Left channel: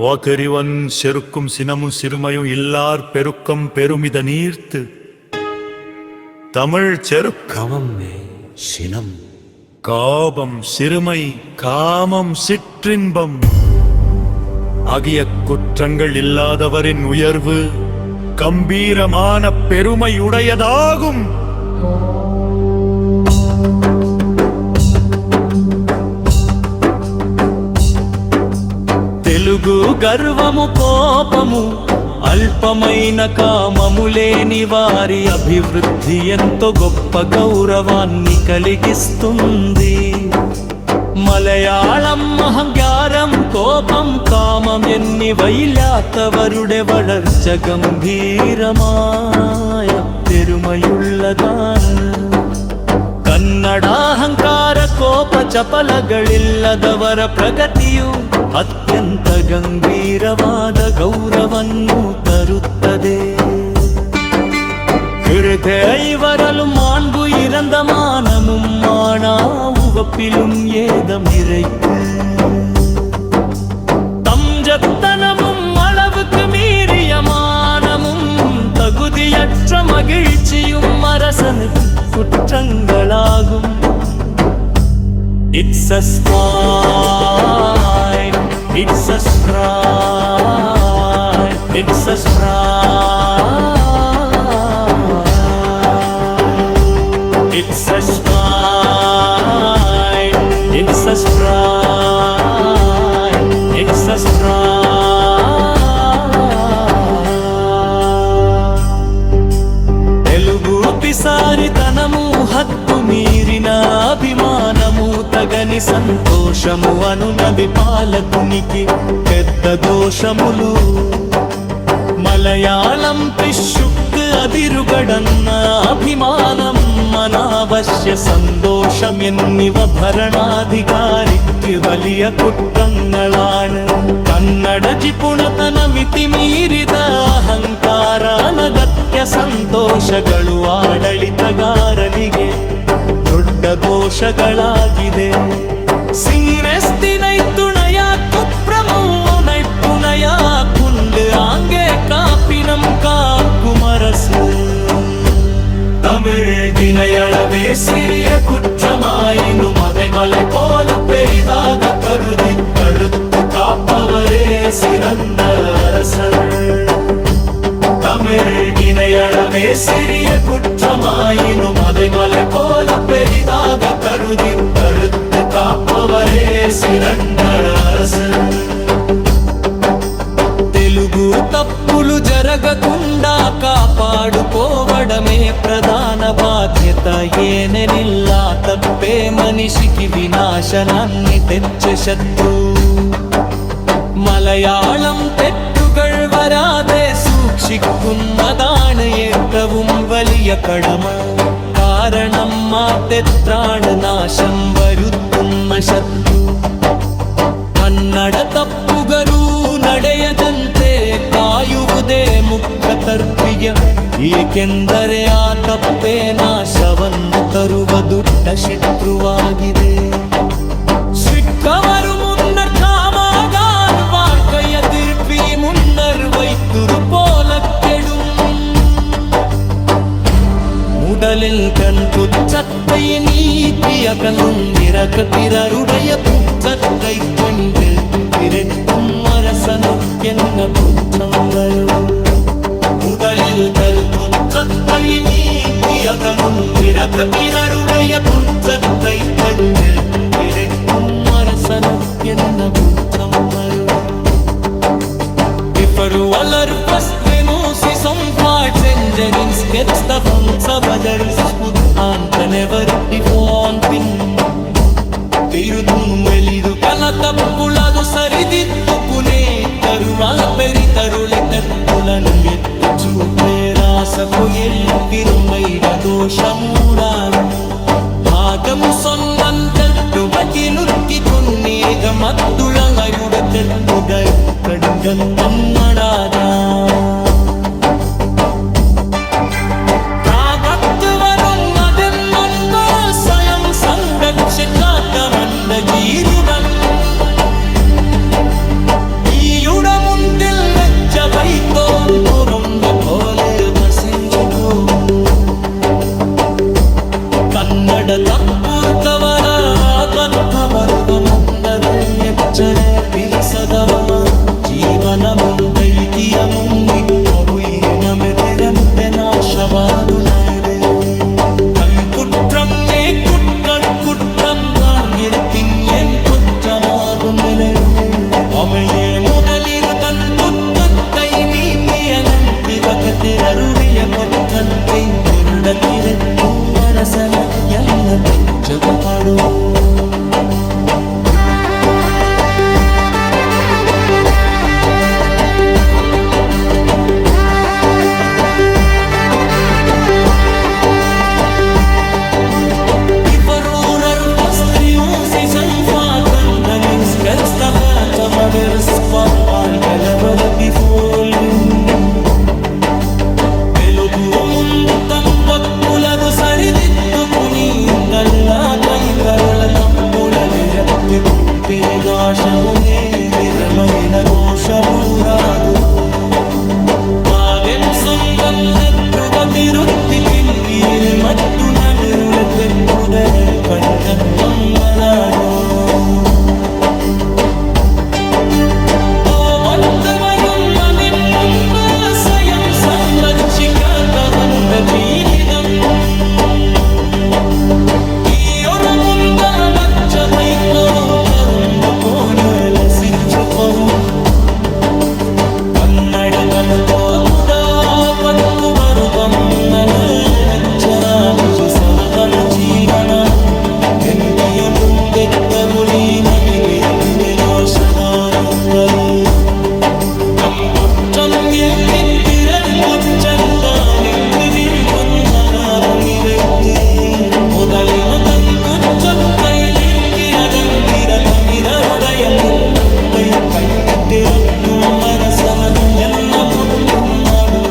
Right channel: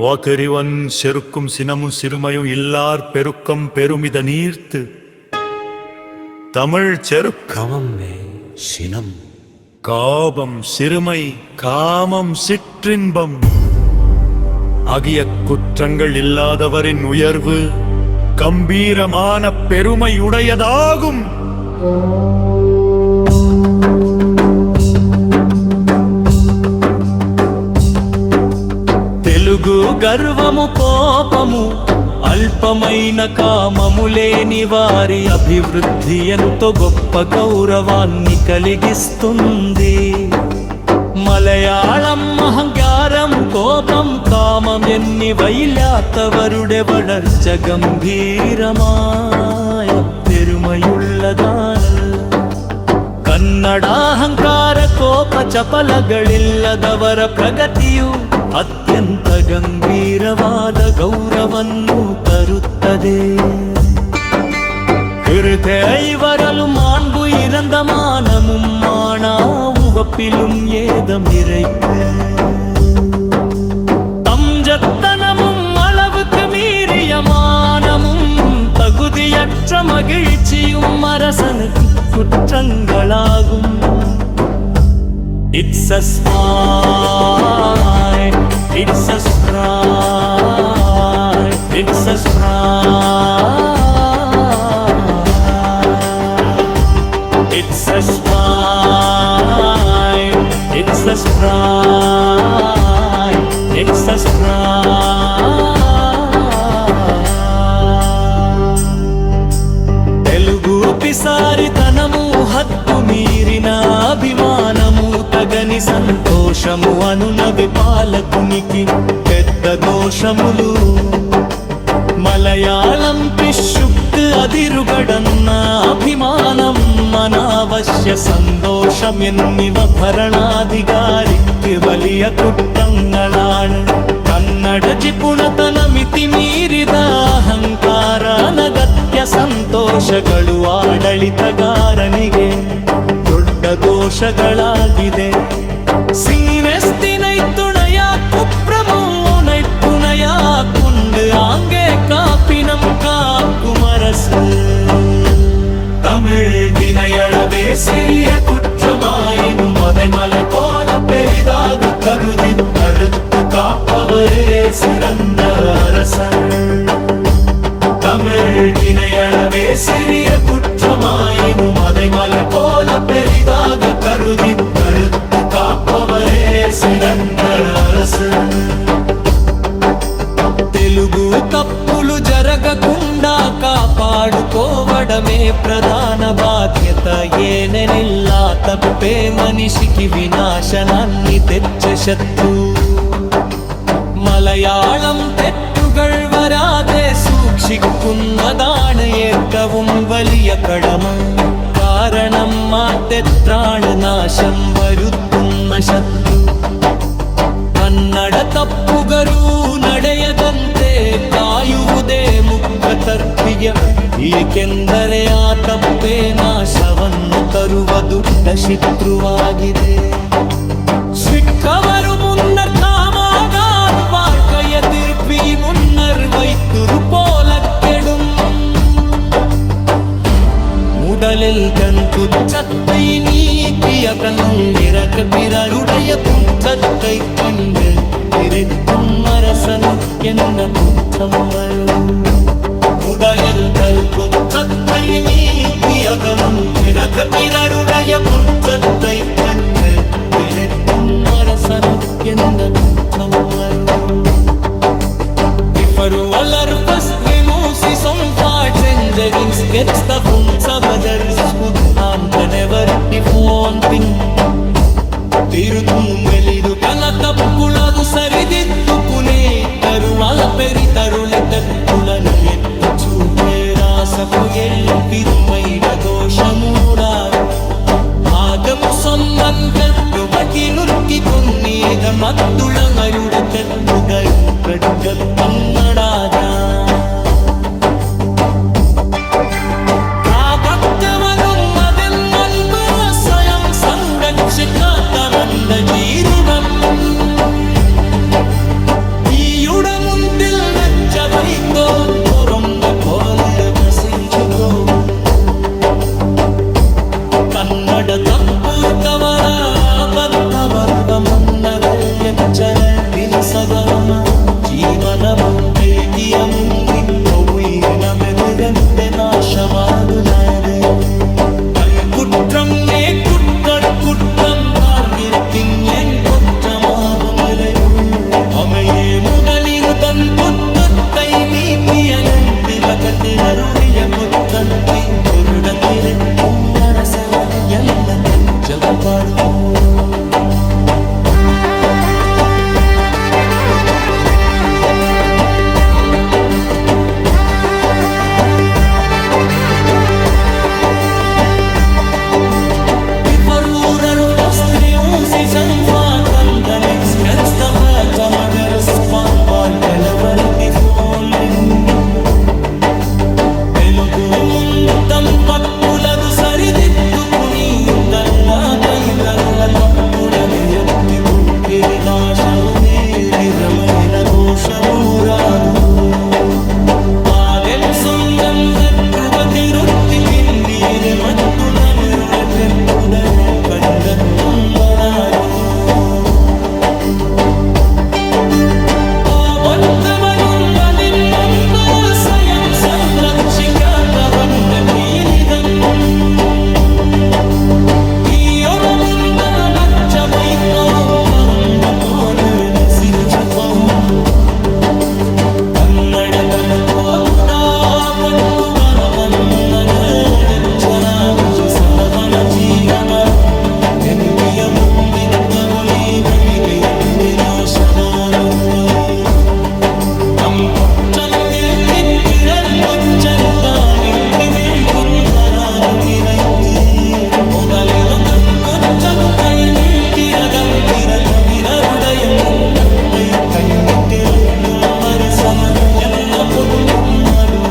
வாக்கறிவன் செருக்கும் சினமும் சிறுமையும் இல்லார் பெருக்கம் பெருமித நீர்த்து தமிழ் செருக்கமே சினம் காபம் சிறுமை காமம் சிற்றின்பம் ஆகிய குற்றங்கள் இல்லாதவரின் உயர்வு கம்பீரமான பெருமையுடையதாகும். తెలుగు గర్వము కోపము అల్పమైన కామము లేని వారి అభివృద్ధి ఎంతో గొప్ప గౌరవాన్ని కలిగిస్తుంది. മലയാളം അഹങ്കാരം കോപം കാമം എന്നിവയില്ലാത്തവരുടെ വളർച്ച ഗംഭീരമായ പെരുമയുള്ളതാണ്. കന്നഡ അഹങ്കാര കോപ ಚಪಲಗಳಿಲ್ಲದವರ ಪ್ರಗತಿಯು ಅತ್ಯಂತ ಗಂಭೀರವಾದ ಗೌರವವನ್ನು ತರುತ್ತದೆ. இருவரலும் மாண்பு இறந்த மானமும் மானா உவப்பிலும் ஏதம் இறைப்பு தஞ்சத்தனமும் அளவுக்கு மீறிய மானமும் தகுதியற்ற மகிழ்ச்சியும் அரசனுக்கு குற்றங்களாகும். It's a smile, it's a smile, it's a smile. It's a smile, it's a smile, it's a smile. Telugu పిసారితనము హద్దు మీరిన అభిమానము తగని సంతోషము అనునవి పాలకునికి పెద్ద దోషములు. మలయాళం పిశుక్కు അതിരുകടന്ന അഭിമാനം അനാവശ്യ സന്തോഷം എന്നിവ ഭരണാധികാരിക്ക് വലിയ കുറ്റങ്ങളാണ്. കന്നഡ ജിപുണതന ಮಿತಿಮೀರಿದ ಅಹಂಕಾರ ಅನಗತ್ಯ ಸಂತೋಷಗಳು ಆಡಳಿತಗಾರನಿಗೆ ದೊಡ್ಡ ದೋಷಗಳಾಗಿದೆ. சீனஸ்தினைத்துணைய குப்ரமோ நைப்புணைய குண்டு ஆங்கே காப்பினம் காக்கும் அரசு. தமிழ் தினையளவே சிறிய குற்றமாயினும் அதை மலை போல பெரிதாக கருதி தடுத்து காப்பவரே சிறந்த அரசர். தமிழ் தினையளவே சிறிய குற்றமாயினும் அதை மலை போல பெரிதாக கருதி தடுத்து காப்பவரே சிறந்த அரசர். తెలుగు తప్పులు జరగకుండా కాపాడుకోవడమే ప్రధాన బాధ్యత. ఏనెనిల్లా తప్పే మనిషికి వినాశనాన్ని తెచ్చే శత్రు. മലയാളം തെറ്റുകൾ വരാതെ സൂക്ഷിക്കുന്നതാണ് ഏറ്റവും വലിയ കടമ. കാരണം ആ തെറ്റാണ് നാശം വരുത്തുന്ന ശത്രു. ಕನ್ನಡ ತಪ್ಪುಗರು ನಡೆಯದಂತೆ ಕಾಯುವುದೇ ಮುಖ್ಯ ಕರ್ತವ್ಯ. ಏಕೆಂದರೆ ಆ ತಪ್ಪೇ ನಾಶವನ್ನು ತರುವ ದುಷ್ಟ ಶತ್ರುವಾಗಿದೆ. ಸಿಕ್ಕವರು ಮುನ್ನರ್ ಕಾಮಾಗಾರ್ ವಾರ್ಕಯ ತಿರುಪಿ ಮುನ್ನರ್ ವೈತುರು ಪೋಲ ಕೆಡುಂ. முதலில் கண் குற்றத்தை நீக்கிய கண்ணிறக்க பிறருடைய குற்றத்தை கண்டு இருக்கும் அரசனுக்கென்ன குற்றம் வரும். முதலில் கண் குற்றத்தை நீக்கிய கண்ணிறக்க பிறருடைய குற்றத்தை கண்டு இருக்கும் அரசனுக்கென்ன குற்றம் வரும். For aller fast vemosi som fartsändaren sketsta från sabadärskot ante never ifrån pin. తిరుతుం వెలిదు కల తప్పులదు సరిదిద్దుకునే తరువాల పెరితరులెత్తెత్తులను ఎత్తు చూపే రాసపు ఎల్పిరుమైడ దోషమూరాడు. ആദമു സ്വന്തം തെറ്റുപറ്റി നുറുക്കിക്കൊന്നേത മറ്റുള്ളവരുടെ തെറ്റുകൾ കടുകം കണ്ണടാതാ. ആപത്ത് വരും അതെന്നൊന്ന് സ്വയം സംരക്ഷിക്കാത്ത മന്ദജീരുവൻ. ഈയുടെ వైతోన్ పురంద പോലെ വസിഞ്ചുകോവും ಕನ್ನಡ ತಪ್ಪುರ್ತವರ ಬದ್ಧವರ್ಗಮನ್ನದ ಎಚ್ಚರ ಬಿಲಿಸದ ಮಮ ಜೀವನ ಮುಂದೈಕಿಯ ಮುಂದಿ ಒಬ್ಬುಯಿನ ಮೆದೆಗಂತೆ ನಾಶವಾದುಲದೆ കൽക്കുറ്റമേ കുറ്റം കാർഗിർത്തിൻ എൻ കുറ്റമാകും നിലയേ അമയെ മുതലിരുതൻ കുറ്റത്തെ നീതിയനന്തിലകത്തിരരുളിയ കുറ്റത്തെ കുരുടത്തിരെത്തും അരസന എന്ന ജഗുപാടൂ Kanganing sketch the fata mother's spotball kalavarti falling Velugu muntam pappuladu saridittukuni talla kaitarula kappulali yatti kuttire dashakune nirmayina doshaburagu പാദം സ്വന്തം തട്ടുപതിരുത്തി കിന്തിയിൽ മറ്റു നഗരുടെ തെറ്റുതൽ കണ്ടെത്തുന്നതാരോ ഓവന്തവനുള്ളതിൻ മുൻപ് സ്വയം സംരക്ഷിക്കാത്തവന്റെ തീരിതം ഈയൊറമുണ്ട വൈക്കോ കറുമ്പ പോലെ ലസിച്ചു പോരും കന്നഡ തപ്പോ പത്തു ಬರುಬಮ್ಮನೆಚ್ಚರಾಗಿ ಸವವನ ಜೀವನ ಬೆಂಕಿಯ ಮುಂದೆ ಕಗುಲಿ ಮಮಿಗೆಯಂತೆ ನಾಶದಾನುತ್ತರಿ ಕಂಪೊಚ್ಚಮ್ಮಿಲ್ ಕಿತ್ತಿರಲ್ ಕುಚ್ಚಂತಾನಿಟ್ಟಿವೆನ್ ಕುಂದರಾದುങ്ങിರೈತಿ ಮೊದಲಿಲು ತನ್ ಕುಚ್ಚಕ್ಕೈ ನೀಂಕಿಯದಂತಿರ ಕನಿರರುಡಯ ಕುತ್ತೈ ಕಣ್ಣಿಟ್ಟಿರತ್ತುಂ ಮರಸನ ಎನ್ನ ಪುಟ್ಟುಂ ಮಡು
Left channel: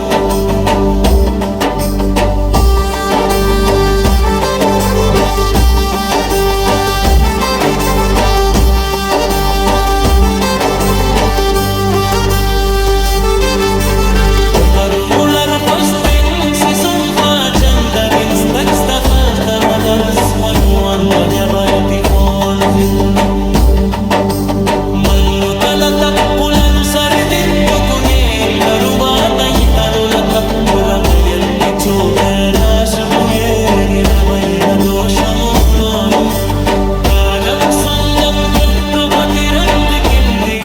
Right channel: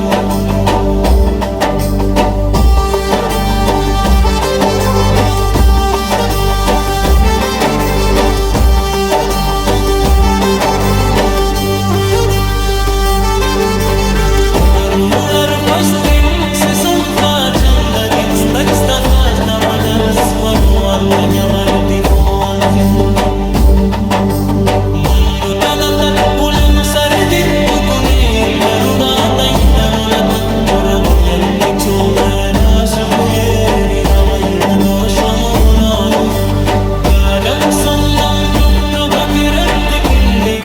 Ruler fasting si sumpa chandarin staks ta fata madars panuan kanya barti folgin Mallutala tappulanu saridittukune darubaatai tanula tappuramayatti chokarasu yeriramaira doshamulodu Kadam sondam totru batiranti kindi